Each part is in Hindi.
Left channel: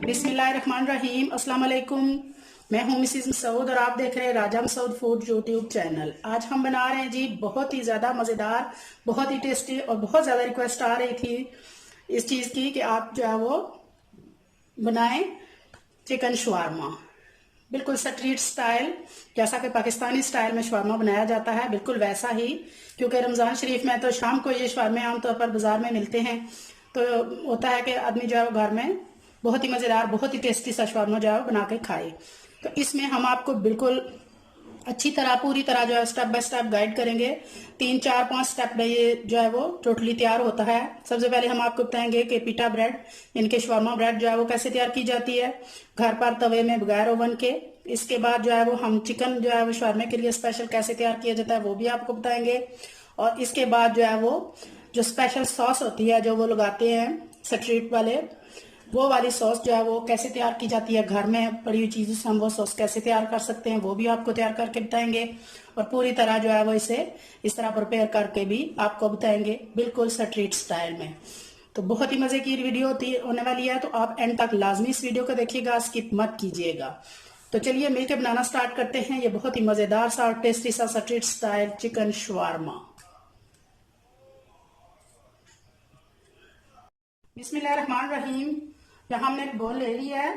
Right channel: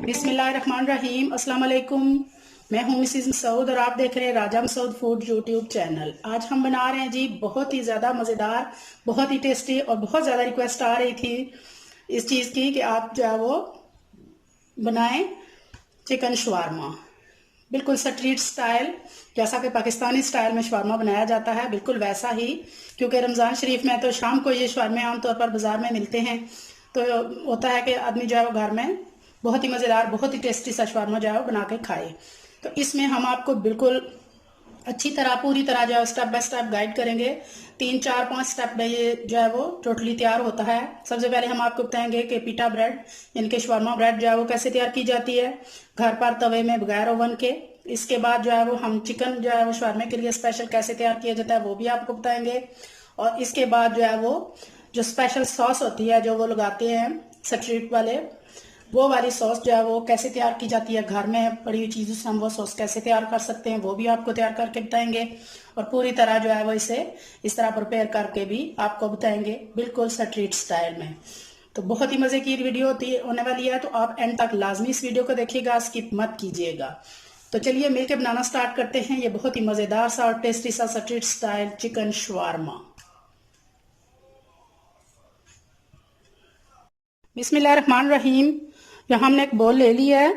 बिस्मिल्लाहिर्रहमानिर्रहीम अस्सलाम वालेकुम। मैं हूं मिसिज मसूद और आप देख रहे हैं राजा मसूद फूड यूट्यूब चैनल। आज हम बना रहे हैं जी बहुत ही ज़्यादा मज़ेदार, बहुत ही टेस्टी और बहुत ज़्यादा रिक्वेस्ट आ रही थी इस चीज़ की कि आप जो है वो बनाएं चिकन शवारमा, बिल्कुल स्ट्रीट स्टाइल, जैसा कि पाकिस्तानी स्टाइल में शवारमा बनाया जाता है बिल्कुल वैसा ही। क्योंकि रमज़ान शरीफ में तो शाम को ये शवारमे आमतौर पर बाजार में मिलते हैं, तो होता है कि आदमी जो है वो घर में बहुत ही मज़ेदार, बहुत ही टेस्टी सा शवारमा जो है वो बना के खाए। तो इसमें हम आपको बिल्कुल अच्छी तरह, पूरी तरह जो है स्टेप बाय स्टेप गाइड करेंगे। 3 4 5 स्टेप में ये जो है वो टोटली तैयार होता है। सबसे पहले हम आपको बताएंगे कि पिटा ब्रेड यानी कि शवारमा ब्रेड जो है वो कैसे तैयार की जाती है घर पर तवे में बगैर ओवन के। इसके बाद जो है वो हम चिकन जो है वो शवारमे के लिए स्पेशल कैसे तैयार किया जाता है वो भी आपको बताएंगे। और इसके बाद जो है वो जो स्पेशल सॉस होती है जो वो लगाते हैं स्ट्रीट वाले, वो वाली सॉस जो है वो कैसे तैयार की जाती है, घर में पड़ी हुई चीज़ों से हम वो सॉस कैसे तैयार कर सकते हैं वो भी आपको तैयार करके बताएंगे। और पूरी तरह जो है वो इसे इस तरह प्रिपेयर करके भी आपको बताएंगे बिल्कुल स्ट्रीट स्टाइल में। तो बहुत ही मज़े की वीडियो होने वाली है, तो आप एंड तक लाजमी इस वीडियो को देखिएगा, स्किप मत कीजिएगा। तो चलिए मिलकर बनाना स्टार्ट करते हैं ये बहुत ही मज़ेदार सा और टेस्टी सा स्ट्रीट स्टाइल चिकन शवारमा। बिस्मिल्लाहिर्रहमानिर्रहीम। यहाँ हमने एक बोल ले लिया है,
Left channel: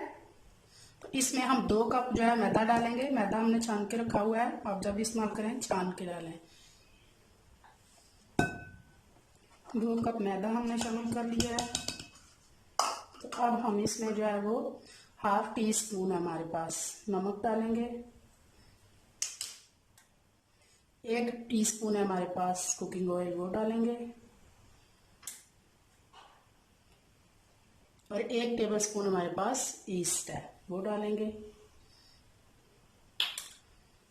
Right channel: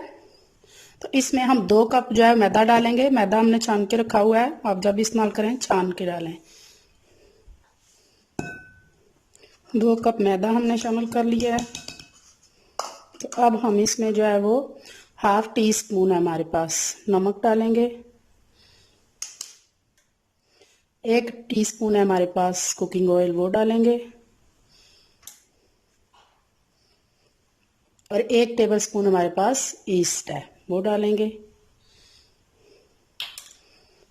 तो इसमें हम 2 कप जो है मैदा डालेंगे। मैदा हमने छान के रखा हुआ है, आप जब इस्तेमाल करें छान के डालें। 2 कप मैदा हमने शामिल कर लिया है। तो अब हम इसमें जो है वो ½ टी स्पून है हमारे पास नमक डालेंगे। 1 टीस्पून है हमारे पास कुकिंग ऑयल, वो डालेंगे। और 1 टेबलस्पून हमारे पास ईस्ट है, वो डालेंगे।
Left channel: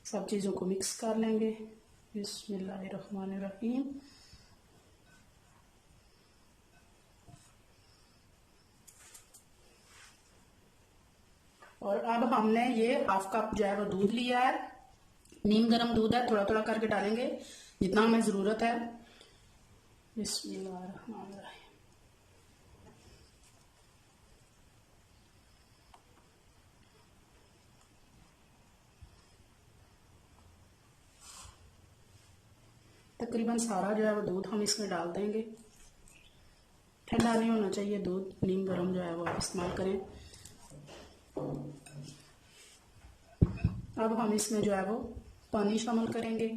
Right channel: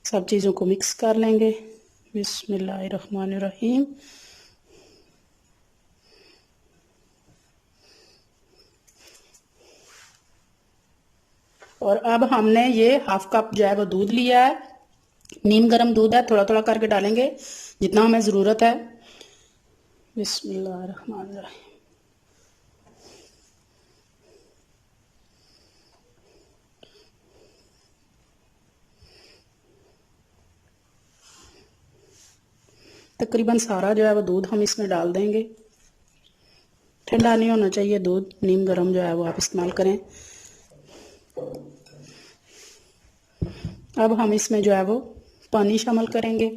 सब चीज़ों को मिक्स कर लेंगे। बिस्मिल्लाहिर्रहमानिर्रहीम। और अब हमने ये ½ कप जो है वो दूध लिया है, नीम गर्म दूध है, थोड़ा थोड़ा करके डालेंगे जितना हमें ज़रूरत है। बिस्मिल्लाहिर्रहमानिर्रहीम। तकरीबन सारा जो है वो दूध हम इसमें डाल देंगे। ठंडा नहीं होना चाहिए दूध, नीम गर्म जो है वो आप इस्तेमाल करें। अब हम इसमें जो है वो पानी शामिल करेंगे।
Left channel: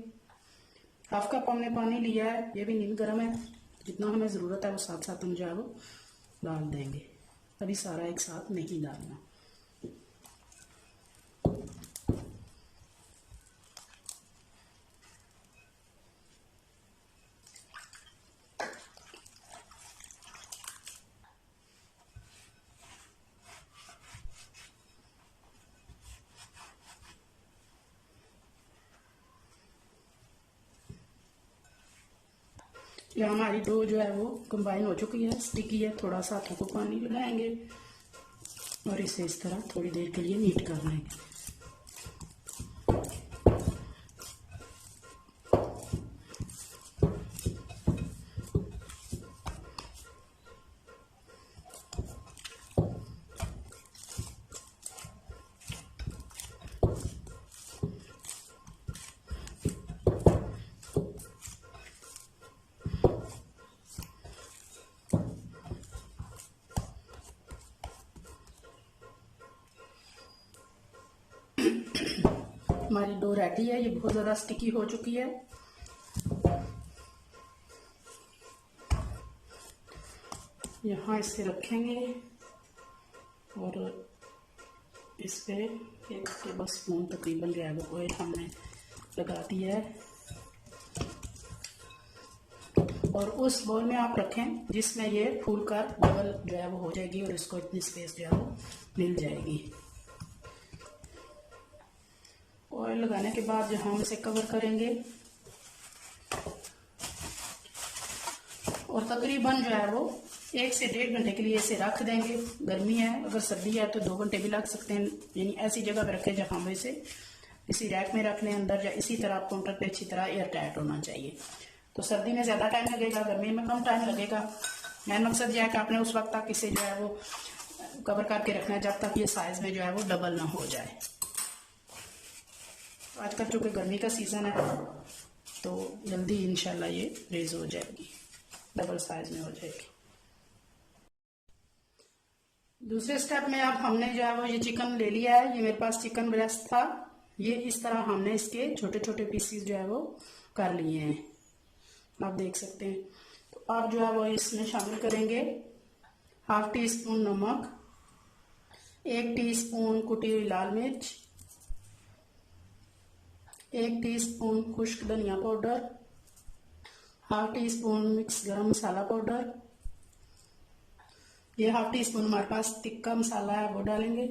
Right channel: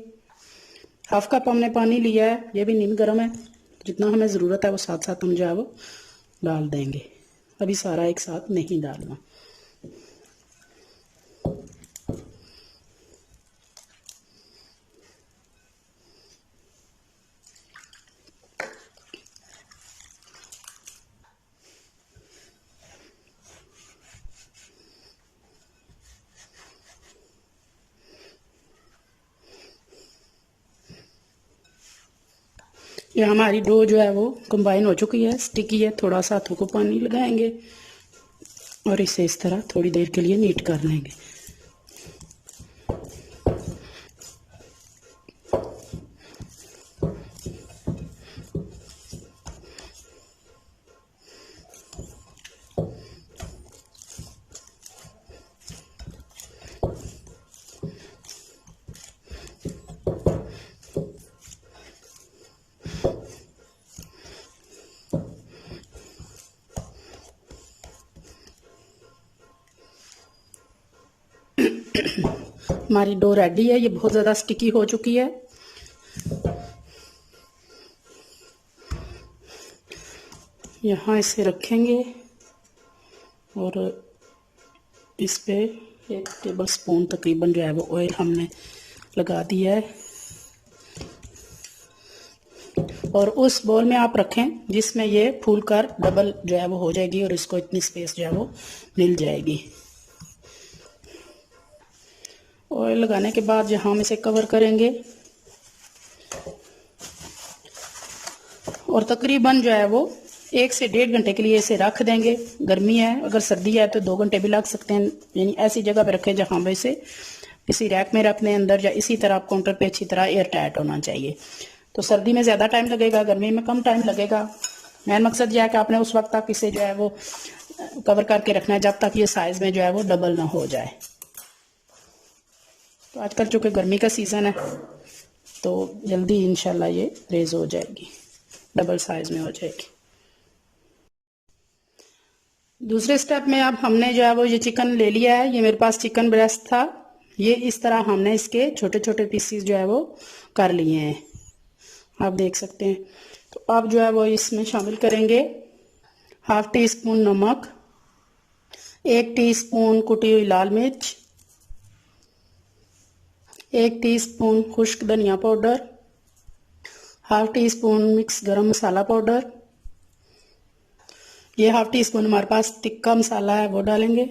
½ कप हमने पानी लिया है, ये भी नीम गर्म है। जितना हमें ज़रूरत है वो साथ साथ हम जो है वो डाल देंगे, अभी सारा एक साथ नहीं डालना। ये हमारी डो जो है वो कंबाइन हो चुकी है, स्टिकी है। थोड़ा सा हाथों को पानी लगाएंगे और इसे इस तरह थोड़ी देर के लिए नीट कर लेंगे। हमारी डो रेडी है, ये बहुत ज़्यादा स्टिकी हो चुकी है। यहाँ इसे रखेंगे और इस पे 1 टेबलस्पून तकरीबन जो है वो ऑयल हमने लगा दिया है। और उस बॉल में आप रखें जिसमें ये फूल कर डबल जो है वो हो जाएगी और इसको इतनी स्पेस जो है वो मिल जाएगी। ऑयल लगाने के बाद जो हम इसे कवर करेंगे और तकरीबन जो है वो 1 से 1.5 घंटे के लिए इसे रख देंगे। गर्मी है, अगर सर्दी है तो 2 घंटे भी लग सकते हैं। यानी ऐसी जगह पे रखें जहाँ पे इसे किसी रैक में रख लें अंदर, या इसी तरह काउंटर पे अच्छी तरह एयर टाइट होना चाहिए। तो सर्दी में ज़्यादा टाइम लगेगा, गर्मी में कम टाइम लगेगा। मेन मकसद यह है कि आपने उस वक्त तक इसे जो है वो कवर करके रखना है जब तक ये साइज़ में जो है वो डबल ना हो जाए। तो आजकल चूँकि गर्मी का सीज़न है तो जल्दी इंशाल्लाह ये रेज हो जाएगी, डबल साइज़ में हो जाएगी। दूसरे स्टेप में अब हमने जो है वो ये चिकन ले लिया है। ये मेरे पास चिकन ब्रेस्ट था, ये इस तरह हमने इसके छोटे छोटे पीसीस जो है वो कर लिए हैं, आप देख सकते हैं। तो अब जो है वो इसमें शामिल करेंगे 1/2 टीस्पून नमक, 1 टीस्पून कुटी हुई लाल मिर्च, 1 टीस्पून खुश्क धनिया पाउडर, 1/2 टीस्पून मिक्स गरम मसाला पाउडर, ये 1/2 टीस्पून हमारे पास तिक्का मसाला है वो डालेंगे,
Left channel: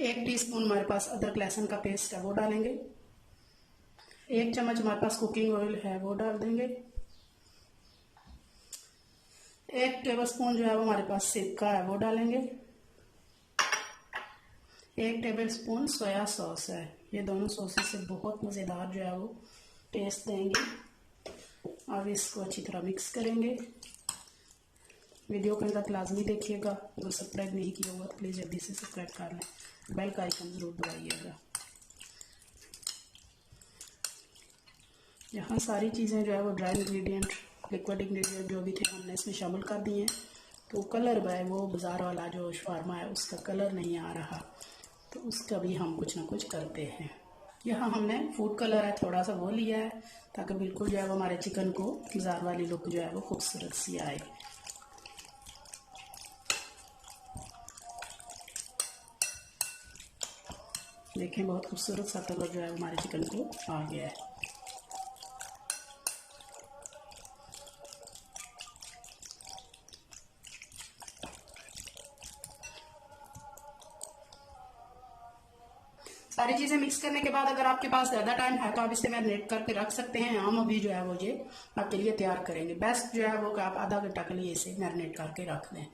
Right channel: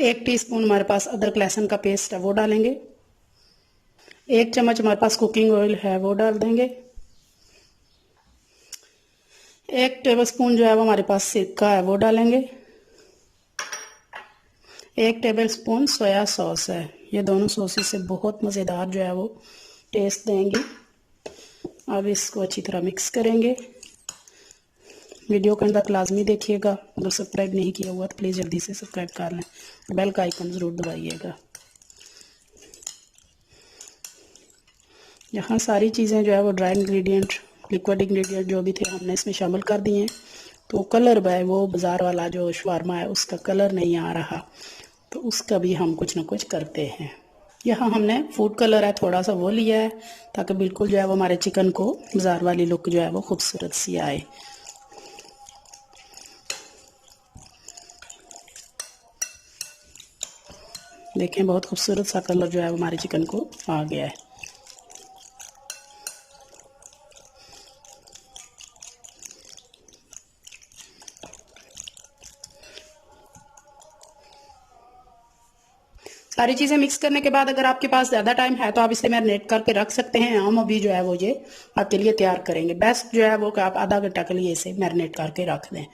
1 टीस्पून हमारे पास अदरक लहसुन का पेस्ट है वो डालेंगे, 1 चम्मच हमारे पास कुकिंग ऑयल है वो डाल देंगे, 1 टेबलस्पून जो है वो हमारे पास सिरका है वो डालेंगे, 1 टेबलस्पून सोया सॉस है। ये दोनों सॉसेस से बहुत मज़ेदार जो है वो टेस्ट देंगी। अब इसको अच्छी तरह मिक्स करेंगे। वीडियो के अंदर लाजमी देखिएगा, अगर सब्सक्राइब नहीं किया हुआ तो प्लीज़ जल्दी से सब्सक्राइब कर लें, बेल का आइकन ज़रूर दबाइएगा। यहाँ सारी चीज़ें जो है वो ड्राई इंग्रेडिएंट, लिक्विड इंग्रेडिएंट जो भी थे हमने इसमें शामिल कर दिए हैं। तो कलर है वो बाज़ार वाला जो शवारमा है उसका कलर नहीं आ रहा, तो उसका भी हम कुछ ना कुछ करते हैं। यहाँ हमने फूड कलर है थोड़ा सा वो लिया है ताकि बिल्कुल जो है वो हमारे चिकन को बाज़ार वाली लुक जो है वो खूबसूरत सी आए। देखें बहुत खूबसूरत सा कलर जो है हमारे चिकन को आ गया है। सारी चीज़ें मिक्स करने के बाद अगर आपके पास ज़्यादा टाइम है तो आप इसे मैरिनेट करके रख सकते हैं। हम अभी जो है वो ये आपके लिए तैयार करेंगे। बेस्ट जो है वो कि आप आधा घंटा के लिए इसे मैरिनेट करके रख दें।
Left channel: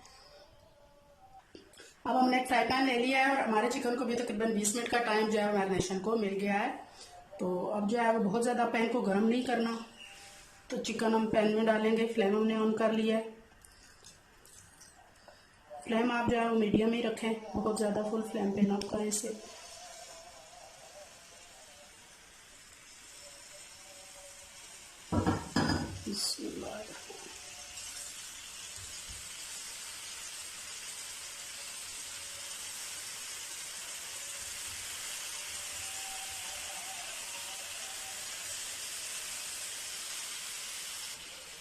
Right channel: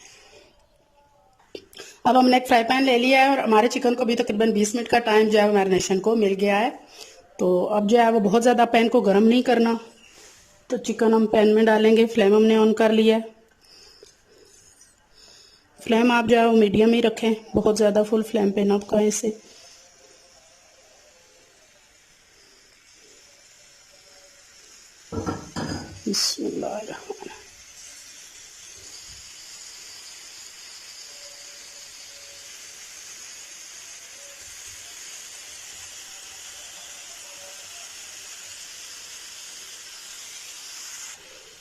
अब हमने एक फ्राई पैन ले लिया है और हमारे चिकन को भी तकरीबन 20 मिनट का टाइम जो है मैरिनेशन को मिल गया है। तो अब जो है वो बहुत ज़्यादा पैन को गर्म नहीं करना, तो चिकन हम पैन में डालेंगे। फ्लेम हमने ऑन कर लिया है। फ्लेम आप जो है वो मीडियम ही रखें, बहुत ज़्यादा फुल फ्लेम पे ना पकाएं इसे। बिस्मिल्लाह।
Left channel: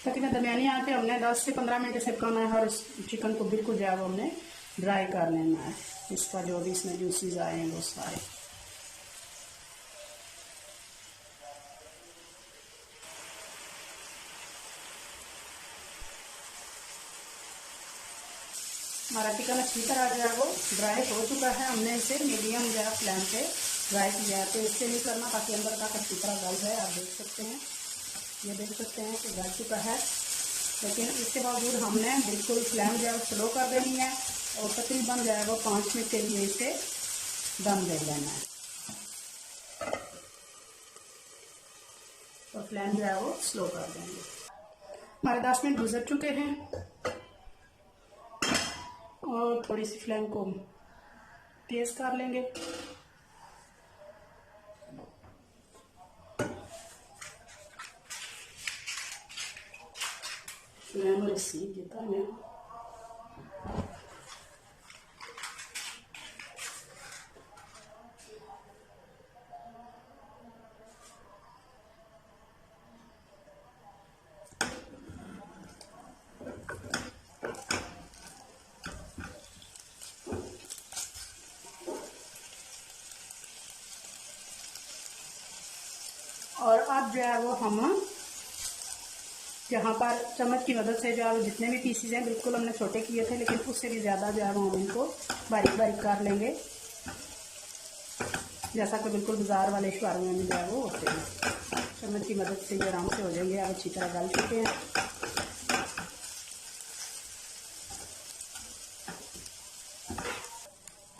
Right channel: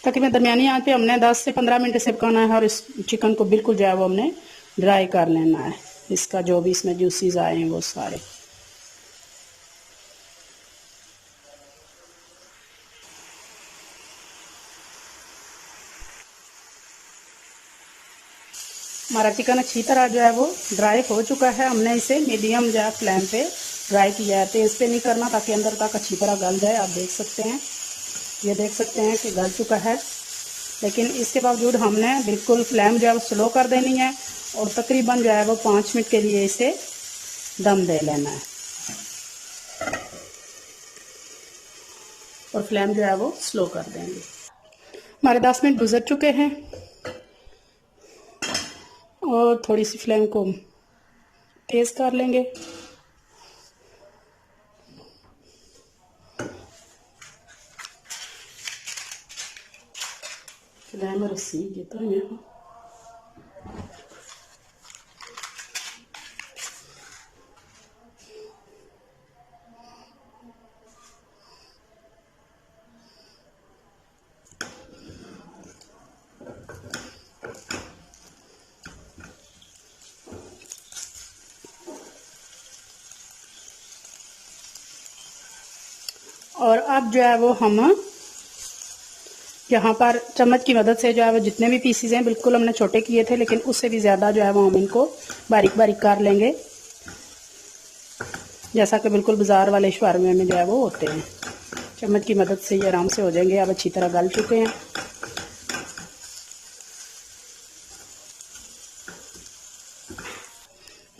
तकरीबन दरमियानी आंच पे हमने 10 से 15 मिनट से पकाना है और इस चिकन को बिल्कुल जो है वो हमने ड्राई कर लेना है। इसका जो भी इसमें जूसीज आए हैं वो सारे। हमारा चिकन अच्छी तरह जो है वो ड्राई हो चुका है। हमने इसे मीडियम जो है फ्लेम पे ड्राई किया है, तेज़ पे नहीं करना ताकि अंदर तक अच्छी तरह गल जाए। आप देख सकते हैं, ये देख सकते हैं कि गल चुका है, लेकिन इसके बावजूद हमने बिल्कुल फ्लेम जो है वो स्लो कर देनी है और तकरीबन जो है वो 5 मिनट के लिए इसे दम दे लेना है। और फ्लेम जो है वो स्लो कर देंगे। हमारे 10 मिनट गुजर चुके हैं और थोड़ी सी फ्लेम को तेज़ कर लेंगे। फ्लेम रसी देता है और अब जो है वो हम यहाँ पर चम्मच की मदद से जो है वो जितने भी पीसीज हैं बिल्कुल हमने छोटे किए थे, लेकिन उससे भी ज़्यादा जो है वो हम इनको बारीक बारीक कर लेंगे, जैसा कि बिल्कुल बाज़ार वाले शवारमे में जो है वो होते हैं। चम्मच की मदद से ये आराम से हो जाएंगे। अब अच्छी तरह गल चुके हैं।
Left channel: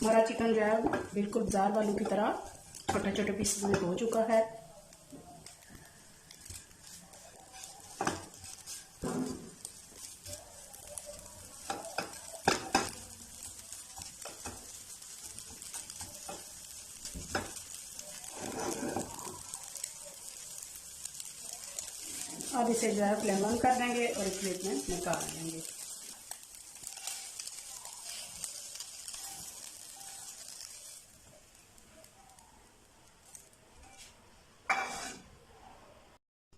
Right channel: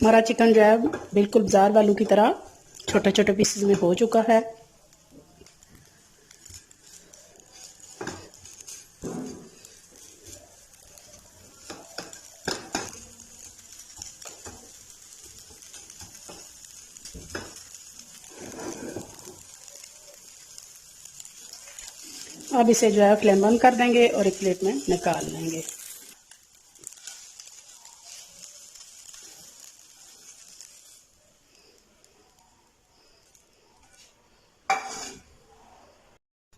हमारा चिकन जो है बिल्कुल बाज़ार वालों की तरह छोटे छोटे पीसेस में हो चुका है। अब इसे जो है फ्लेम बंद कर देंगे और एक प्लेट में निकाल लेंगे।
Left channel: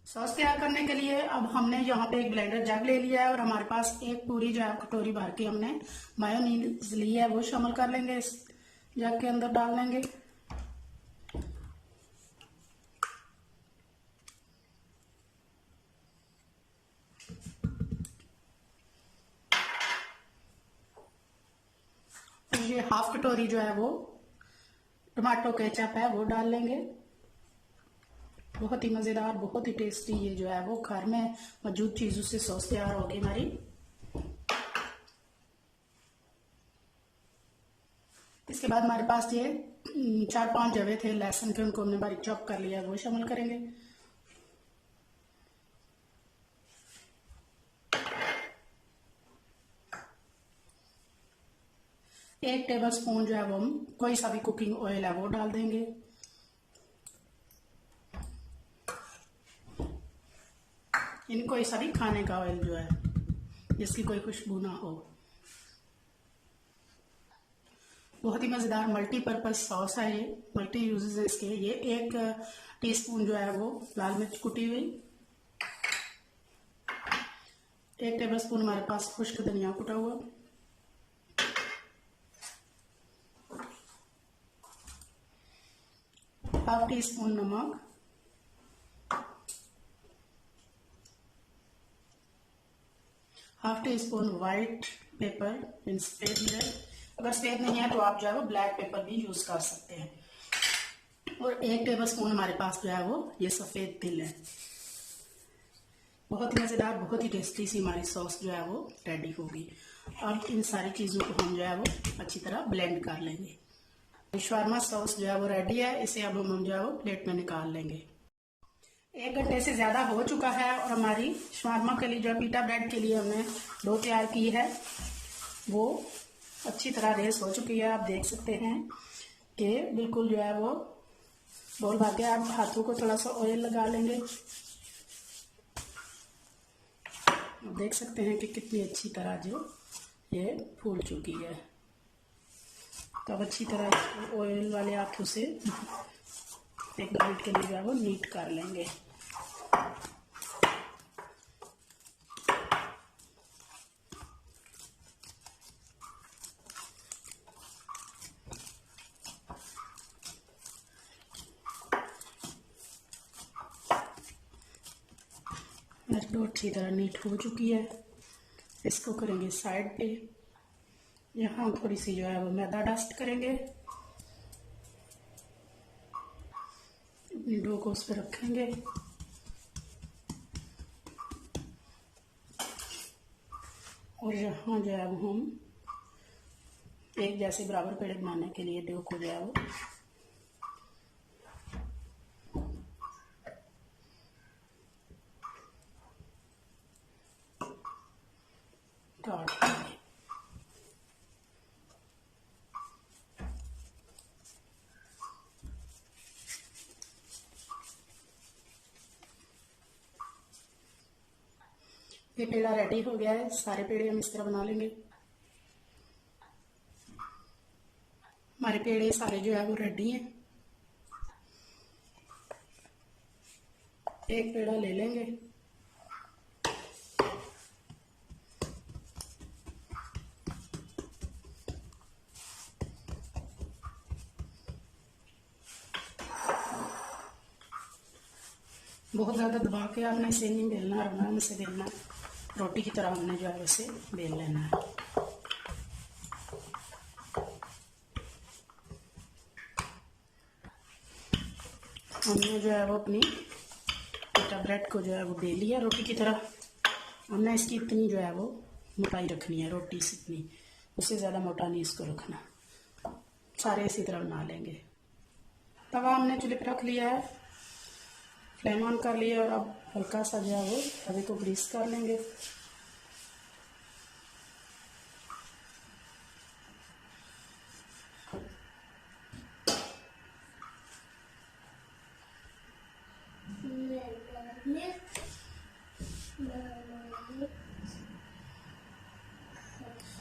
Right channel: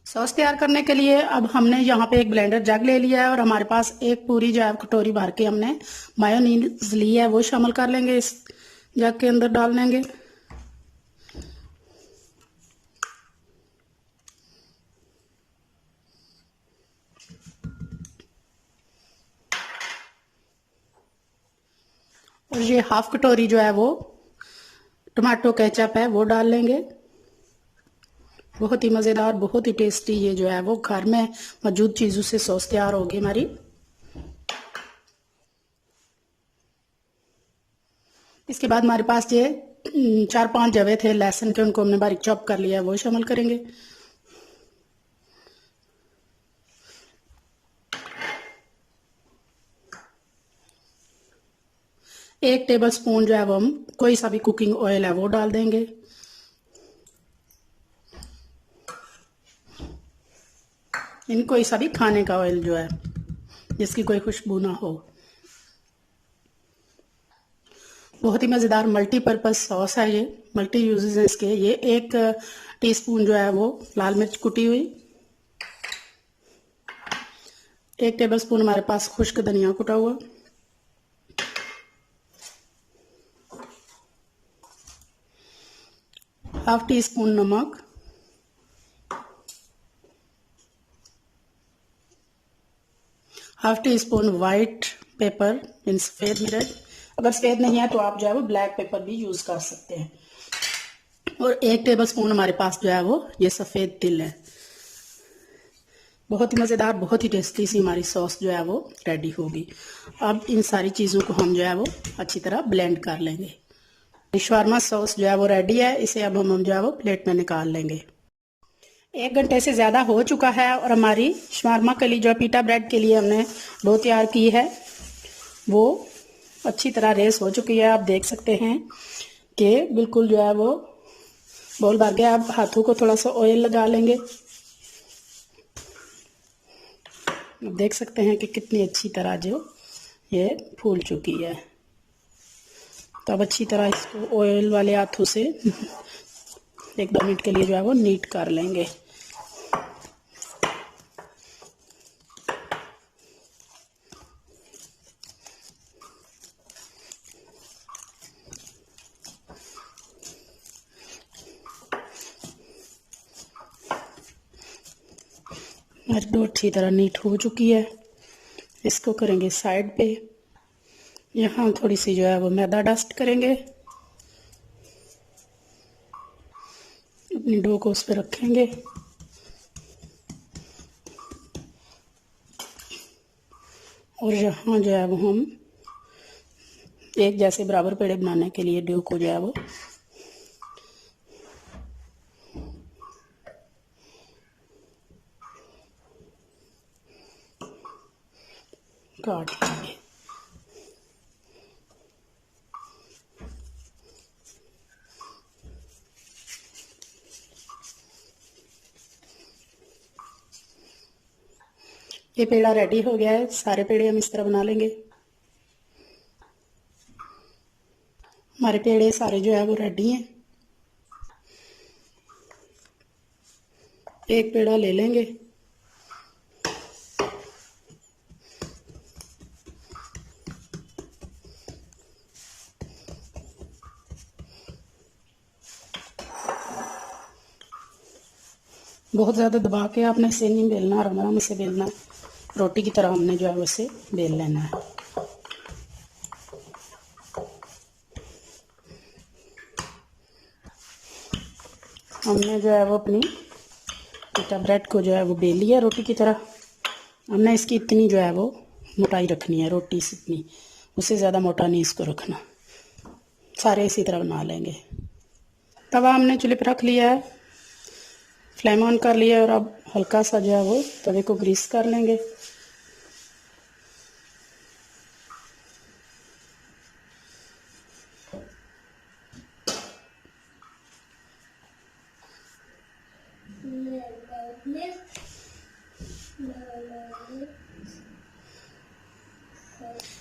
सॉस तैयार करने के लिए अब हमने यहाँ पे एक ब्लेंडर जग ले लिया है और हमारे पास एक पूरी जो है कटोरी भर के हमने मायोनीज ली है, वो शामिल कर लेंगे, इस जग के अंदर डाल लेंगे। और ये हाफ कटोरी जो है वो टमाटो केचप है, वो डाल लेंगे। बहुत ही मज़ेदार, बहुत ही टेस्टी ये जो है वो घर में मौजूद चीज़ों से सॉस तैयार होगी हमारी। इसके बाद हमारे पास ये 4-5 जवे थे लहसुन के, उनको हमने बारीक चॉप कर लिया है, वो शामिल करेंगे। एक टेबल स्पून जो है वो हम कोई सा भी कुकिंग ऑयल है वो डाल देंगे। इन कोई सा भी खाने का ऑयल जो है जिसकी कोई खुशबू ना हो। बहुत ही मज़ेदार मल्टीपर्पज़ सॉस है ये, मल्टी यूजेस हैं इसके। ये 1 टीस्पून जो है वो लाल मिर्च कुटी हुई, 1 टेबल स्पून हमारे पास खुश्क धनिया कुटा हुआ, 1/2 टीस्पून नमक, 1/2 टीस्पून वाइट पेपर मीन सफ़ेद मिर्च। अगर सफ़ेद नहीं है तो आप जो है वो ब्लैक पेपर भी यूज़ कर सकते हैं। और 1 टेबल स्पून हमारे पास जो है वो ये सफ़ेद तिल है। बहुत ही मज़ेदार, बहुत ही टेस्टी सी हमारी सॉस जो है वो रेडी होगी। अब इन सारी चीज़ों को हम जो है वो अच्छी तरह ब्लेंड कर लेंगे। शवारमा सॉस जो है वो रेडी है, इसे अब हम जो है वो प्लेट में निकाल लेंगे। 1 घंटे से ज़्यादा हो चुका है और हमारी शवारमा के लिए जो पीटा ब्रेड के लिए हमने डो तैयार की है वो अच्छी तरह रेस हो चुकी है। आप देख सकते हैं कि बिल्कुल जो है वो बॉल भर गया। आप हाथों को थोड़ा सा ऑयल लगा लेंगे। आप देख सकते हैं कि कितनी अच्छी तरह जो ये फूल चुकी है। तो अब अच्छी तरह इसको ऑयल वाले हाथों से 1-2 मिनट के लिए जो है वो नीट कर लेंगे। हमारी डो अच्छी तरह नीट हो चुकी है। इसको करेंगे साइड पे। यहाँ थोड़ी सी जो है वो मैदा डस्ट करेंगे, अपनी डो को उस पर रखेंगे और यहाँ जो है वो हम एक जैसे बराबर पेड़े बनाने के लिए डो को जो है वो काट लेंगे। ये पेड़ा रेडी हो गया है। सारे पेड़े हम इस तरह बना लेंगे। हमारे पेड़े सारे जो है वो रेडी हैं। एक पेड़ा ले लेंगे, बहुत ज़्यादा दबा के आपने इसे नहीं बेलना, आराम से बेलना। रोटी की तरह हमने जो है वैसे बेल लेना है। हमने जो है वो अपनी पिटा ब्रेड को जो है वो बेल लिया रोटी की तरह। हमने इसकी इतनी जो है वो मोटाई रखनी है, रोटी से इतनी, उससे ज़्यादा मोटा नहीं इसको रखना। सारे इसी तरह बना लेंगे। तवा हमने चूल्हे पर रख लिया है, फ्लेम ऑन कर लिया है और अब हल्का सा जो है वो तवे को ग्रीस कर लेंगे।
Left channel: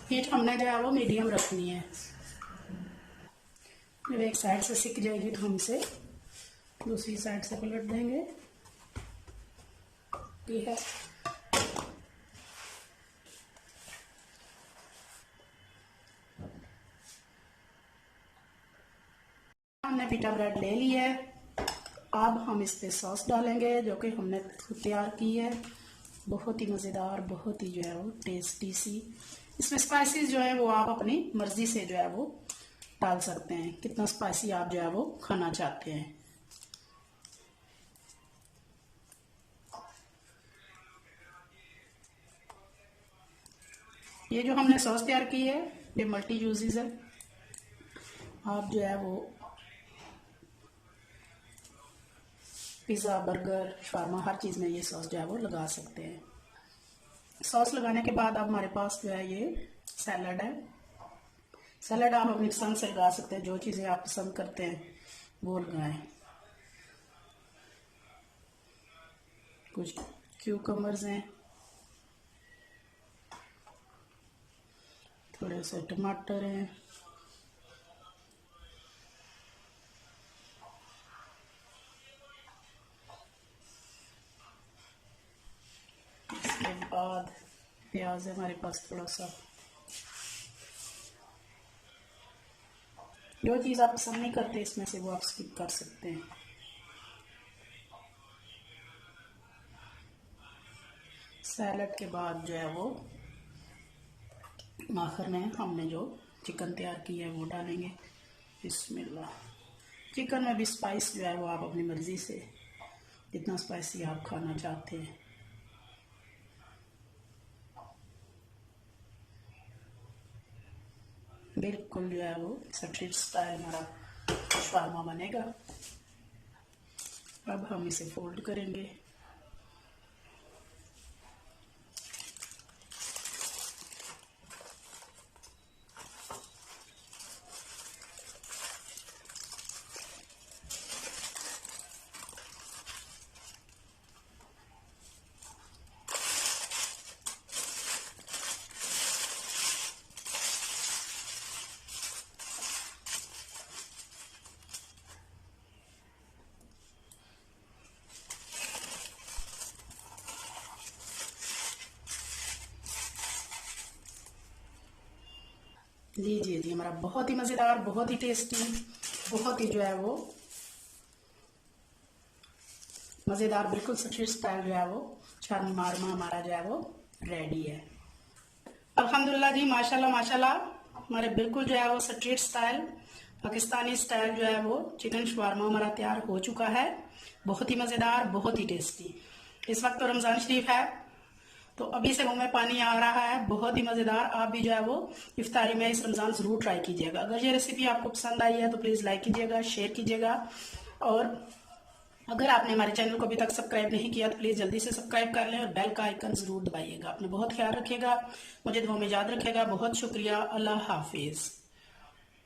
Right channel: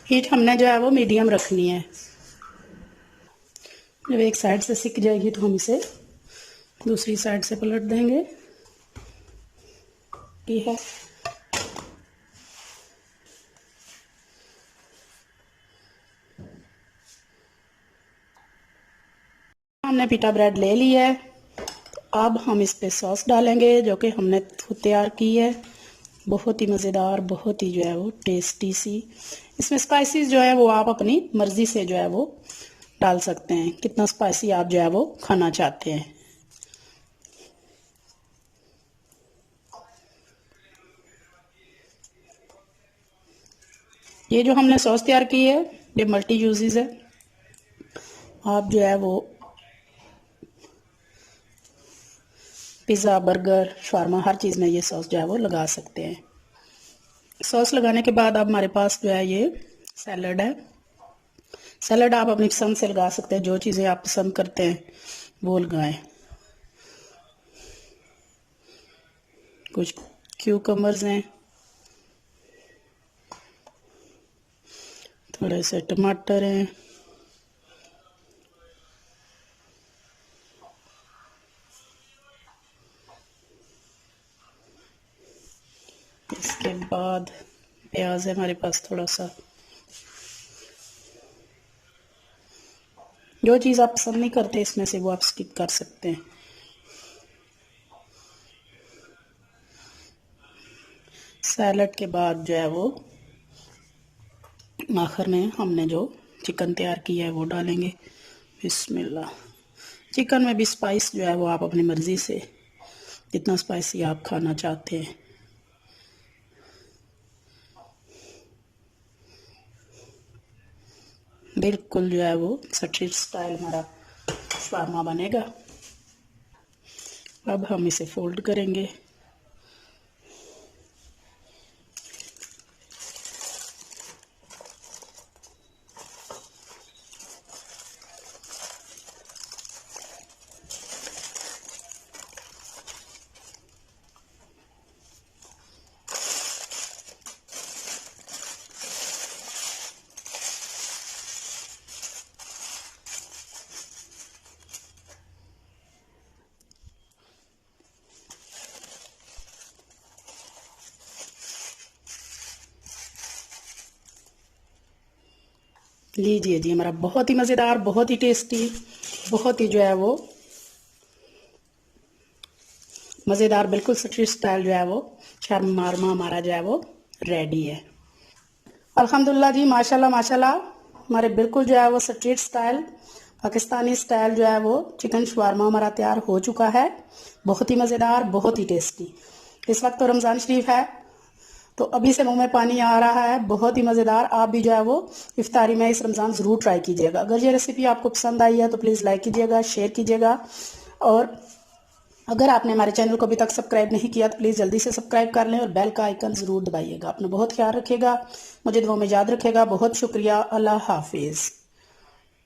हीट हमने जो है वो मीडियम रखनी है। जब एक साइड से सिक जाएगी तो हम इसे दूसरी साइड से पलट देंगे। ये है हमने पिटा ब्रेड ले लिया है। अब हम इस पे सॉस डालेंगे जो कि हमने खुद तैयार की है। बहुत ही मज़ेदार, बहुत ही जो है वो टेस्टी सी। इसमें स्पाइसेस जो है वो आप अपनी मर्ज़ी से जो है वो डाल सकते हैं, कितना स्पाइसी आप जो है वो खाना चाहते हैं। ये जो हमने सॉस तैयार की है ये मल्टी यूजेस है। आप जो है वो पिज़्ज़ा, बर्गर, शावरमा हर चीज़ में ये सॉस जो है वो लगा सकते हैं। सॉस लगाने के बाद अब हमारे पास जो है ये सैलड है। सैलड आप अपनी पसंद से लगा सकते हैं, जो चीज़ें आप पसंद करते हैं वो लगाएं। कुछ क्यूकम्बर्स हैं, थोड़े से टमाटर हैं, इसके बाद प्याज है हमारे पास थोड़ा सा। जो चीज़ आप पसंद नहीं करते इसमें से वो आप स्किप कर सकते हैं। सैलड के बाद जो है वो आखिर में हमने जो चिकन तैयार किया है वो डालेंगे। बिस्मिल्लाह। चिकन में भी स्पाइस जो है वो आप अपनी मर्ज़ी से जितना स्पाइसी आप खाना चाहते हैं। बिल्कुल जो है वो स्ट्रीट स्टाइल हमारा शावरमा बनेगा। अब हम इसे फोल्ड करेंगे। लीजिए जी, हमारा बहुत ही मज़ेदार, बहुत ही टेस्टी, बहुत ही जो है वो मज़ेदार, बिल्कुल स्ट्रीट स्टाइल जो है वो शावरमा हमारा जो है वो रेडी है। अल्हम्दुलिल्लाह जी, माशाल्लाह माशाल्लाह, हमारे बिल्कुल जो है वो स्ट्रीट स्टाइल पाकिस्तानी स्टाइल जो है वो चिकन शावरमा हमारा तैयार हो चुका है। बहुत ही मज़ेदार, बहुत ही टेस्टी। इस वक्त तो रमज़ान शरीफ है तो अभी से मुंह में पानी आ रहा है। बहुत ही मज़ेदार। आप भी जो है वो इफ्तारी में इस रमज़ान ज़रूर ट्राई कीजिएगा। अगर ये रेसिपी आपको पसंद आई है तो प्लीज़ लाइक कीजिएगा, शेयर कीजिएगा, और अगर आपने हमारे चैनल को अभी तक सब्सक्राइब नहीं किया तो प्लीज़ जल्दी से सब्सक्राइब कर लें और बेल का आइकन ज़रूर दबाइएगा। अपना बहुत ख्याल रखिएगा, मुझे दुआ में याद रखिएगा। बहुत शुक्रिया। अल्लाह हाफिज़।